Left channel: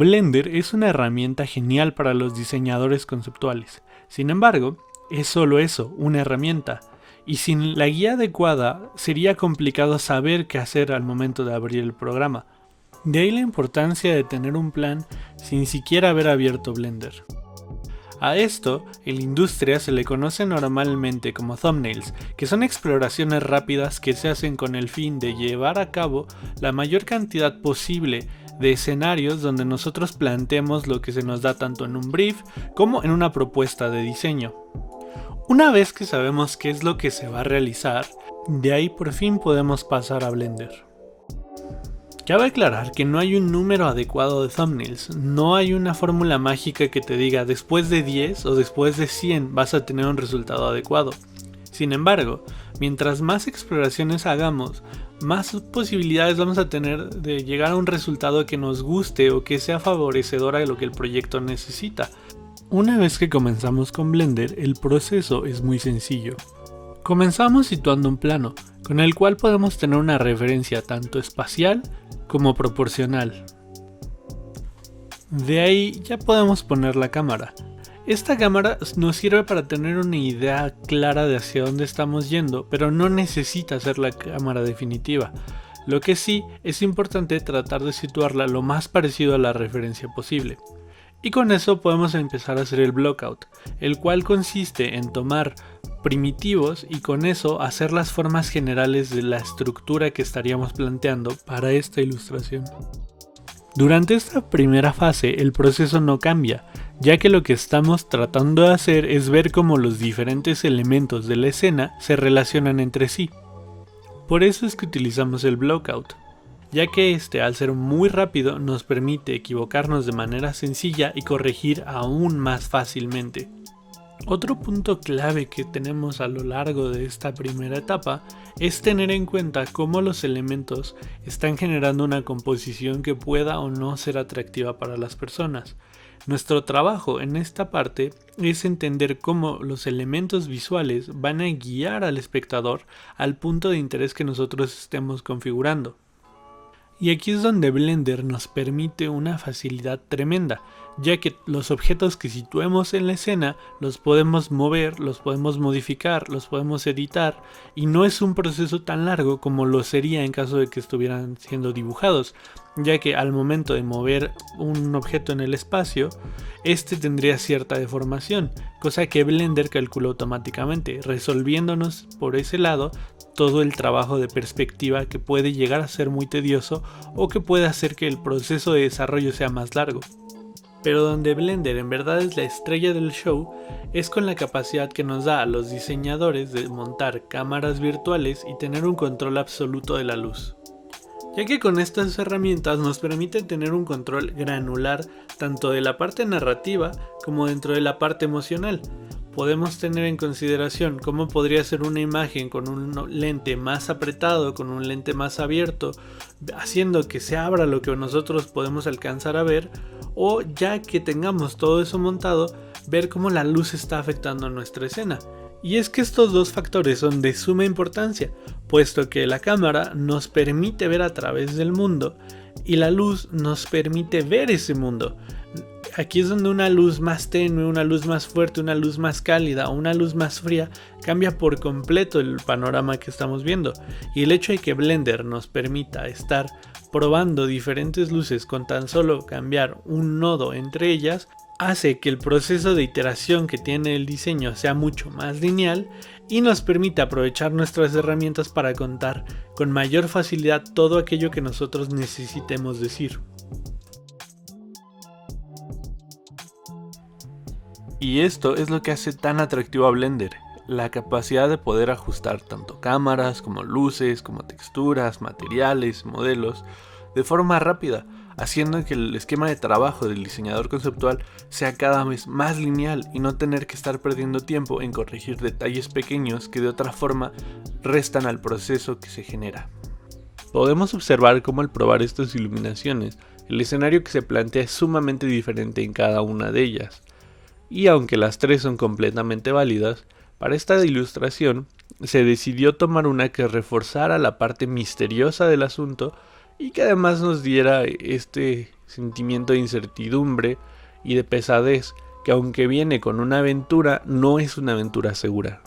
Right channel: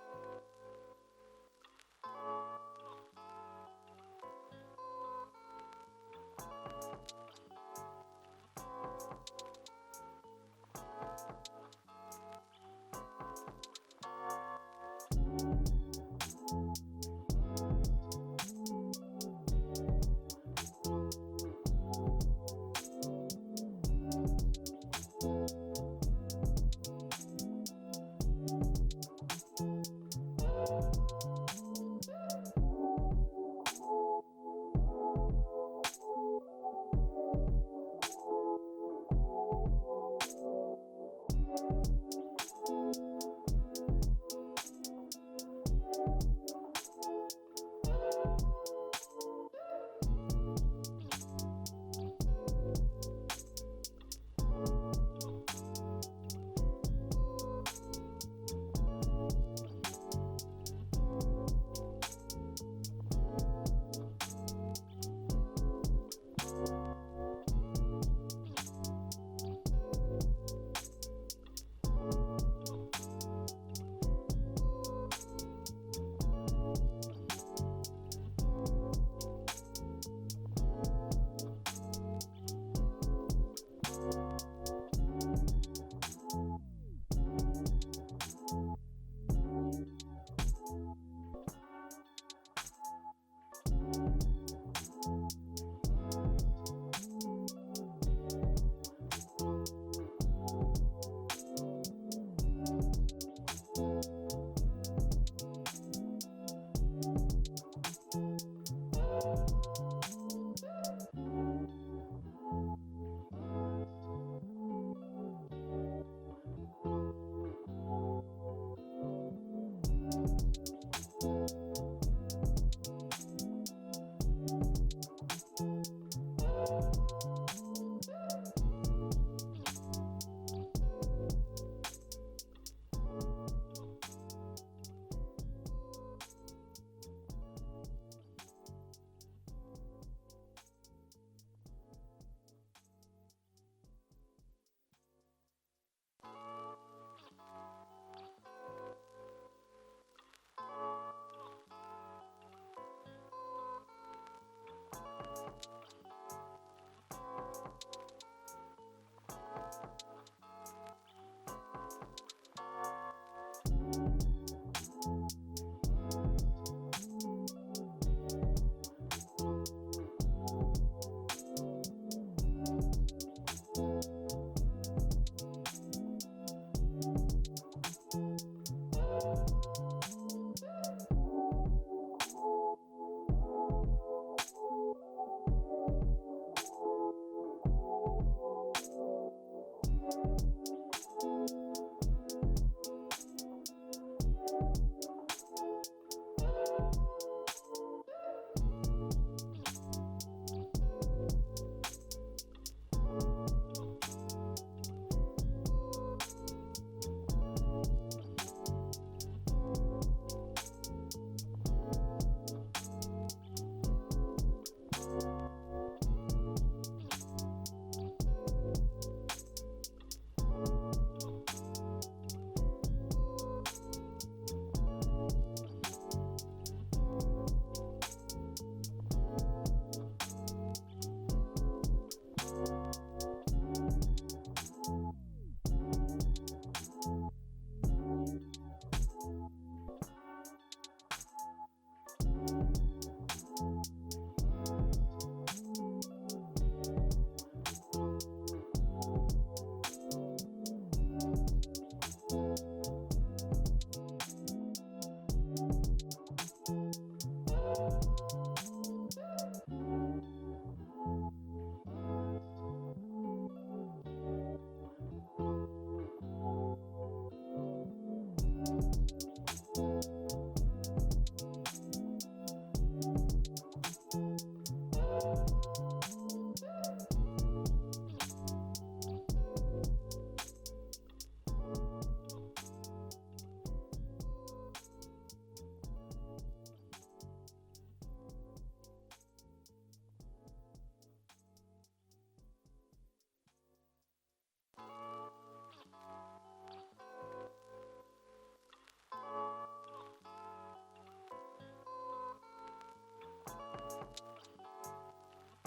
Blender es una herramienta genial para los diseñadores conceptuales. Sin embargo, es solo eso, una herramienta. Y sin la guía adecuada, sería complicado saber qué hacer al momento de abrir el programa. De ahí la importancia de tener un plan sin siquiera haber abierto Blender. A esto, en la industria se le conoce normalmente como thumbnails, que son exploraciones rápidas que se hacen con el fin de llevar a cabo la mayor cantidad posible de escenarios donde nosotros planteemos lo que se nos da tanto en un brief como en una propuesta de diseño. Una vez que sabemos qué es lo que se va a realizar, de ahí por fin podemos pasar a Blender. Cabe aclarar que no hay un número adecuado de thumbnails, no hay una fórmula mágica que te diga después de 10 o después de 100 vas a tener un resultado adecuado. Sin embargo, mientras más exploraciones hagamos, más posibilidades vamos a tener de llegar a un resultado que nos guste o que sea favorecedor a lo que el proyecto necesita. Una vez que comenzamos con Blender, el proceso es muy sencillo. Comenzamos situando un plano, con el cual podemos tener una referencia tanto espacial como proporcional. De ahí ya podemos poner la cámara. Esta cámara nos sirve para tener una idea clara de hacia dónde estamos yendo, pero no necesita ser la cámara definitiva. Lo que sí es importante tratar de situarla lo más parecido a la referencia posible. Y con eso podemos empezar a hacer el blockout, el cual consiste en tomar primitivos y con eso hacer las formas generales de la estructura que estaríamos planteando para esta ilustración. Durante esta primera fase el proceso no cambia, ya que lo que estamos tratando de hacer es ver cómo los diferentes elementos de la escena se relacionan entre sí. Por eso es que utilizamos el blockout, ya que este, al ser muy rápido, nos permite equivocarnos de manera sencilla y corregir aún más fácilmente. Otro punto clave que tenemos a lo largo de esta primera etapa es tener en cuenta cómo los elementos están generando una composición que pueda o no ser atractiva para las personas. Nuestro trabajo en esta parte es entender cómo los elementos visuales van a guiar al espectador al punto de interés que nosotros estemos configurando. Y aquí es donde Blender nos permite una facilidad tremenda, ya que los objetos que situemos en la escena los podemos mover, los podemos modificar, los podemos editar y no es un proceso tan largo como lo sería en caso de que estuvieran siendo dibujados, ya que al momento de mover un objeto en el espacio, este tendría cierta deformación, cosa que Blender calcula automáticamente, resolviéndonos por ese lado todo el trabajo de perspectiva que puede llegar a ser muy tedioso o que puede hacer que el proceso de desarrollo sea más largo. Pero donde Blender en verdad es la estrella del show es con la capacidad que nos da a los diseñadores de montar cámaras virtuales y tener un control absoluto de la luz. Ya que con estas herramientas nos permiten tener un control granular tanto de la parte narrativa como dentro de la parte emocional. Podemos tener en consideración cómo podría ser una imagen con un lente más apretado, con un lente más abierto, haciendo que se abra lo que nosotros podemos alcanzar a ver, o ya que tengamos todo eso montado, ver cómo la luz está afectando nuestra escena. Y es que estos dos factores son de suma importancia, puesto que la cámara nos permite ver a través del mundo y la luz nos permite ver ese mundo. Aquí es donde una luz más tenue, una luz más fuerte, una luz más cálida o una luz más fría cambia por completo el panorama que estamos viendo. Y el hecho de que Blender nos permita estar probando diferentes luces con tan solo cambiar un nodo entre ellas hace que el proceso de iteración que tiene el diseño sea mucho más lineal y nos permite aprovechar nuestras herramientas para contar con mayor facilidad todo aquello que nosotros necesitemos decir. Y esto es lo que hace tan atractivo a Blender, la capacidad de poder ajustar tanto cámaras como luces, como texturas, materiales, modelos, de forma rápida, haciendo que el esquema de trabajo del diseñador conceptual sea cada vez más lineal y no tener que estar perdiendo tiempo en corregir detalles pequeños que de otra forma restan al proceso que se genera. Podemos observar cómo al probar estas iluminaciones, el escenario que se plantea es sumamente diferente en cada una de ellas. Y aunque las tres son completamente válidas, para esta ilustración se decidió tomar una que reforzara la parte misteriosa del asunto y que además nos diera este sentimiento de incertidumbre y de pesadez que, aunque viene con una aventura, no es una aventura segura.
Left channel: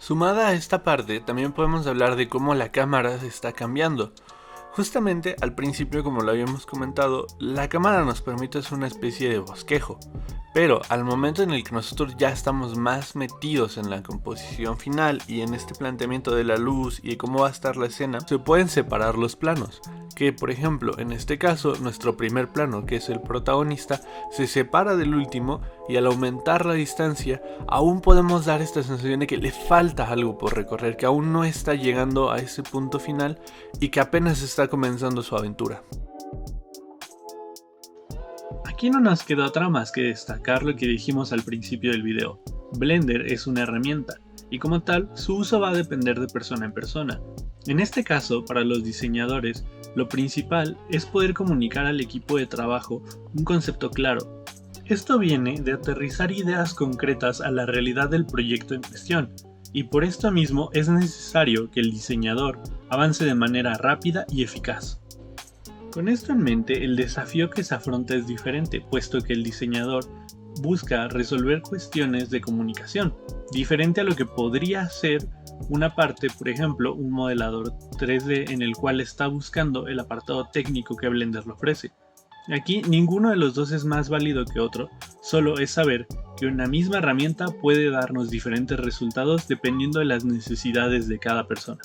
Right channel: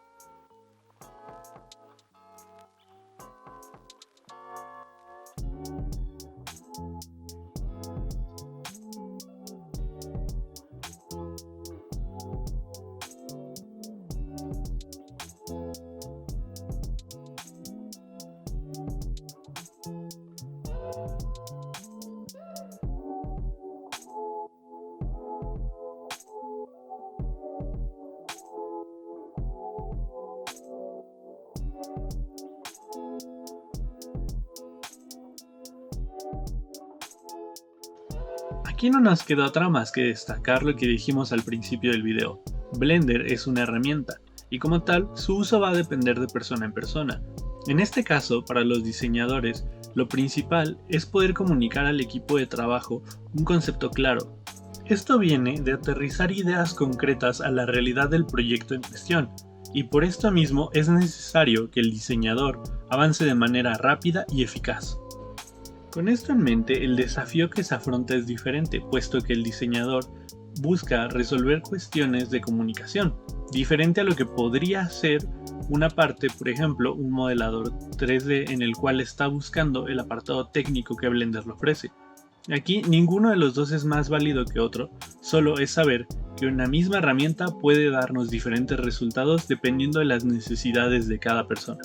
Sumada a esta parte, también podemos hablar de cómo la cámara se está cambiando. Justamente al principio, como lo habíamos comentado, la cámara nos permite hacer una especie de bosquejo, pero al momento en el que nosotros ya estamos más metidos en la composición final y en este planteamiento de la luz y de cómo va a estar la escena, se pueden separar los planos, que por ejemplo en este caso nuestro primer plano, que es el protagonista, se separa del último, y al aumentar la distancia aún podemos dar esta sensación de que le falta algo por recorrer, que aún no está llegando a ese punto final y que apenas está comenzando su aventura. Aquí no nos queda otra más que destacar lo que dijimos al principio del video. Blender es una herramienta, y como tal, su uso va a depender de persona en persona. En este caso, para los diseñadores, lo principal es poder comunicar al equipo de trabajo un concepto claro. Esto viene de aterrizar ideas concretas a la realidad del proyecto en cuestión, y por esto mismo es necesario que el diseñador avance de manera rápida y eficaz. Con esto en mente, el desafío que se afronta es diferente, puesto que el diseñador busca resolver cuestiones de comunicación, diferente a lo que podría ser una parte, por ejemplo, un modelador 3D en el cual está buscando el apartado técnico que Blender le ofrece. Aquí ninguno de los dos es más válido que otro, solo es saber que una misma herramienta puede darnos diferentes resultados dependiendo de las necesidades de cada persona.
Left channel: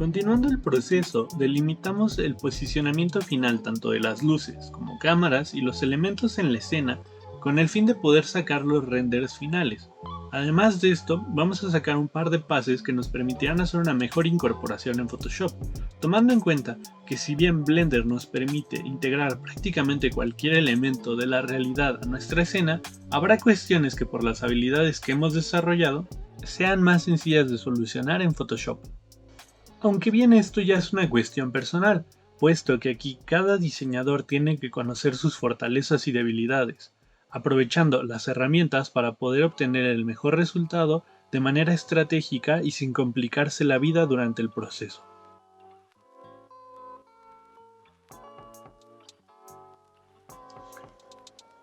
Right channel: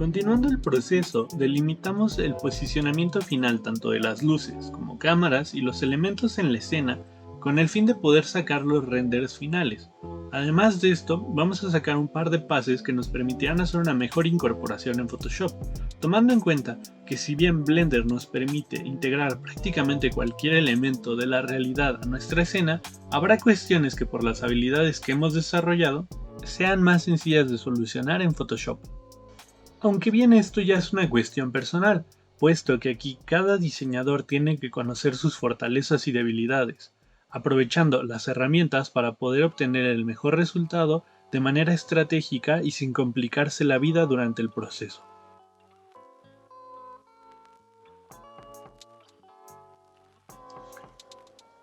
Continuando el proceso, delimitamos el posicionamiento final tanto de las luces como cámaras y los elementos en la escena con el fin de poder sacar los renders finales. Además de esto, vamos a sacar un par de pases que nos permitirán hacer una mejor incorporación en Photoshop, tomando en cuenta que si bien Blender nos permite integrar prácticamente cualquier elemento de la realidad a nuestra escena, habrá cuestiones que por las habilidades que hemos desarrollado sean más sencillas de solucionar en Photoshop. Aunque bien esto ya es una cuestión personal, puesto que aquí cada diseñador tiene que conocer sus fortalezas y debilidades, aprovechando las herramientas para poder obtener el mejor resultado de manera estratégica y sin complicarse la vida durante el proceso.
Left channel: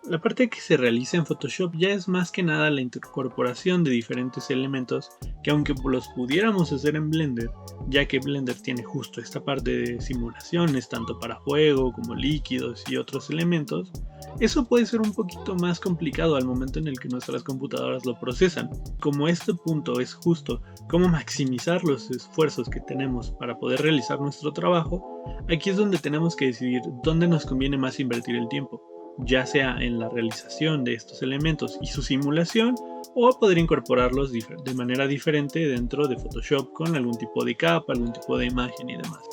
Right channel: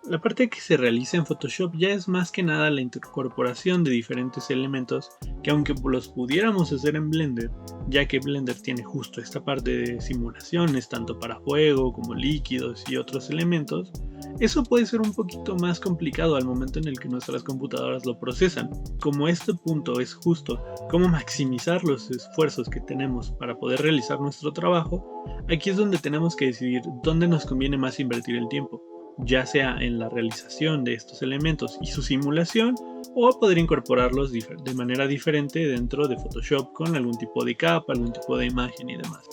La parte que se realiza en Photoshop ya es más que nada la incorporación de diferentes elementos que, aunque los pudiéramos hacer en Blender, ya que Blender tiene justo esta parte de simulaciones tanto para fuego como líquidos y otros elementos, eso puede ser un poquito más complicado al momento en el que nuestras computadoras lo procesan. Como este punto es justo cómo maximizar los esfuerzos que tenemos para poder realizar nuestro trabajo, aquí es donde tenemos que decidir dónde nos conviene más invertir el tiempo, ya sea en la realización de estos elementos y su simulación, o poder incorporarlos de manera diferente dentro de Photoshop con algún tipo de capa, algún tipo de imagen y demás.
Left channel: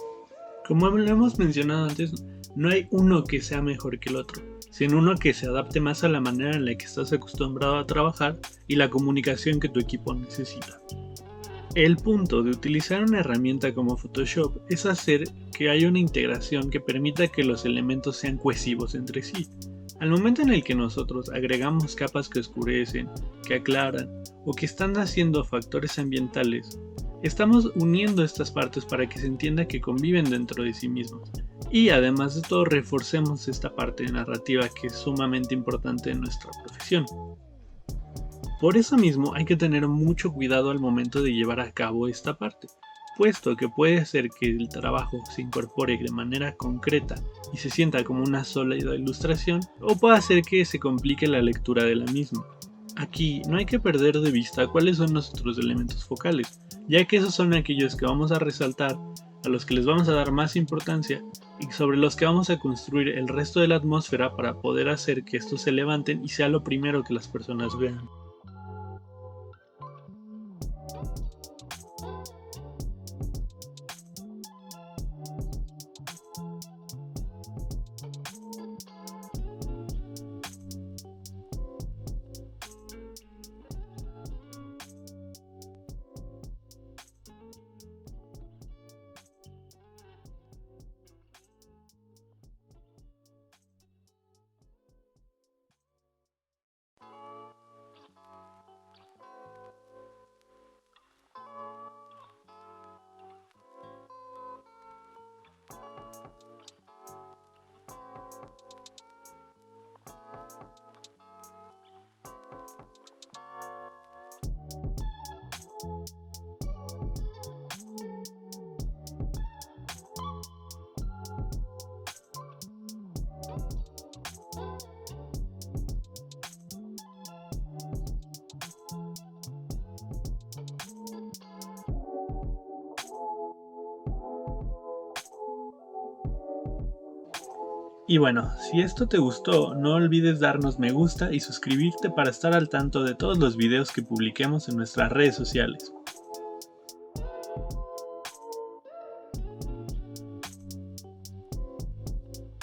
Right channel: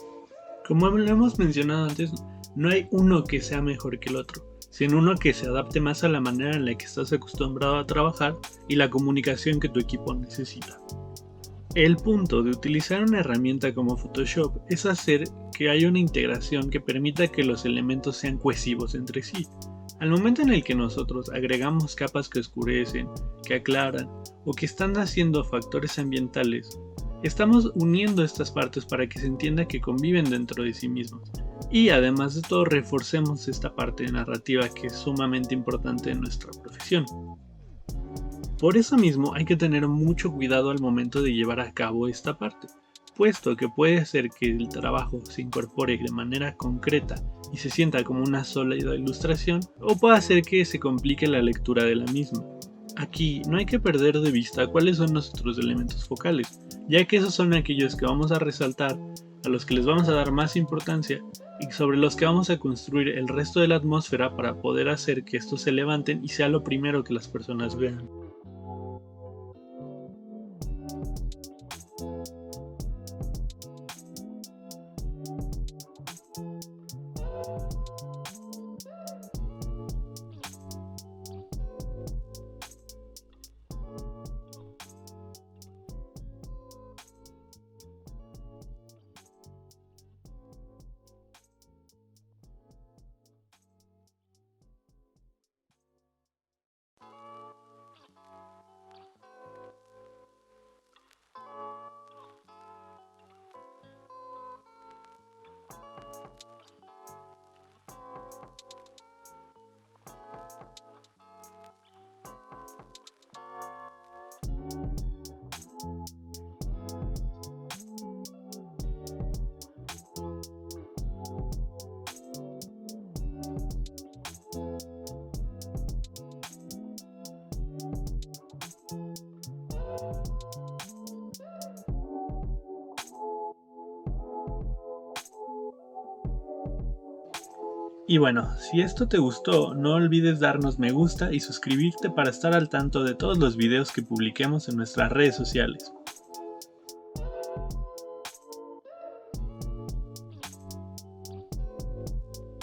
Como lo hemos mencionado antes, no hay uno que sea mejor que el otro, sino uno que se adapte más a la manera en la que estás acostumbrado a trabajar y la comunicación que tu equipo necesita. El punto de utilizar una herramienta como Photoshop es hacer que haya una integración que permita que los elementos sean cohesivos entre sí. Al momento en el que nosotros agregamos capas que oscurecen, que aclaran o que están haciendo factores ambientales, estamos uniendo estas partes para que se entienda que conviven dentro de sí mismos. Y además de todo, reforcemos esta parte narrativa que es sumamente importante en nuestra profesión. Por eso mismo hay que tener mucho cuidado al momento de llevar a cabo esta parte, puesto que puede hacer que el trabajo se incorpore de manera concreta y se sienta como una sola ilustración, o puede hacer que se complique la lectura de la misma. Aquí no hay que perder de vista cuáles son nuestros elementos focales, ya que esos son aquellos que vamos a resaltar, a los que les vamos a dar más importancia y sobre los que vamos a construir el resto de la atmósfera para poder hacer que estos se levanten y sea lo primero que las personas vean. Y bueno, si esto te gustó, no olvides darnos me gusta y suscribirte para estar al tanto de todos los videos que publiquemos en nuestras redes sociales.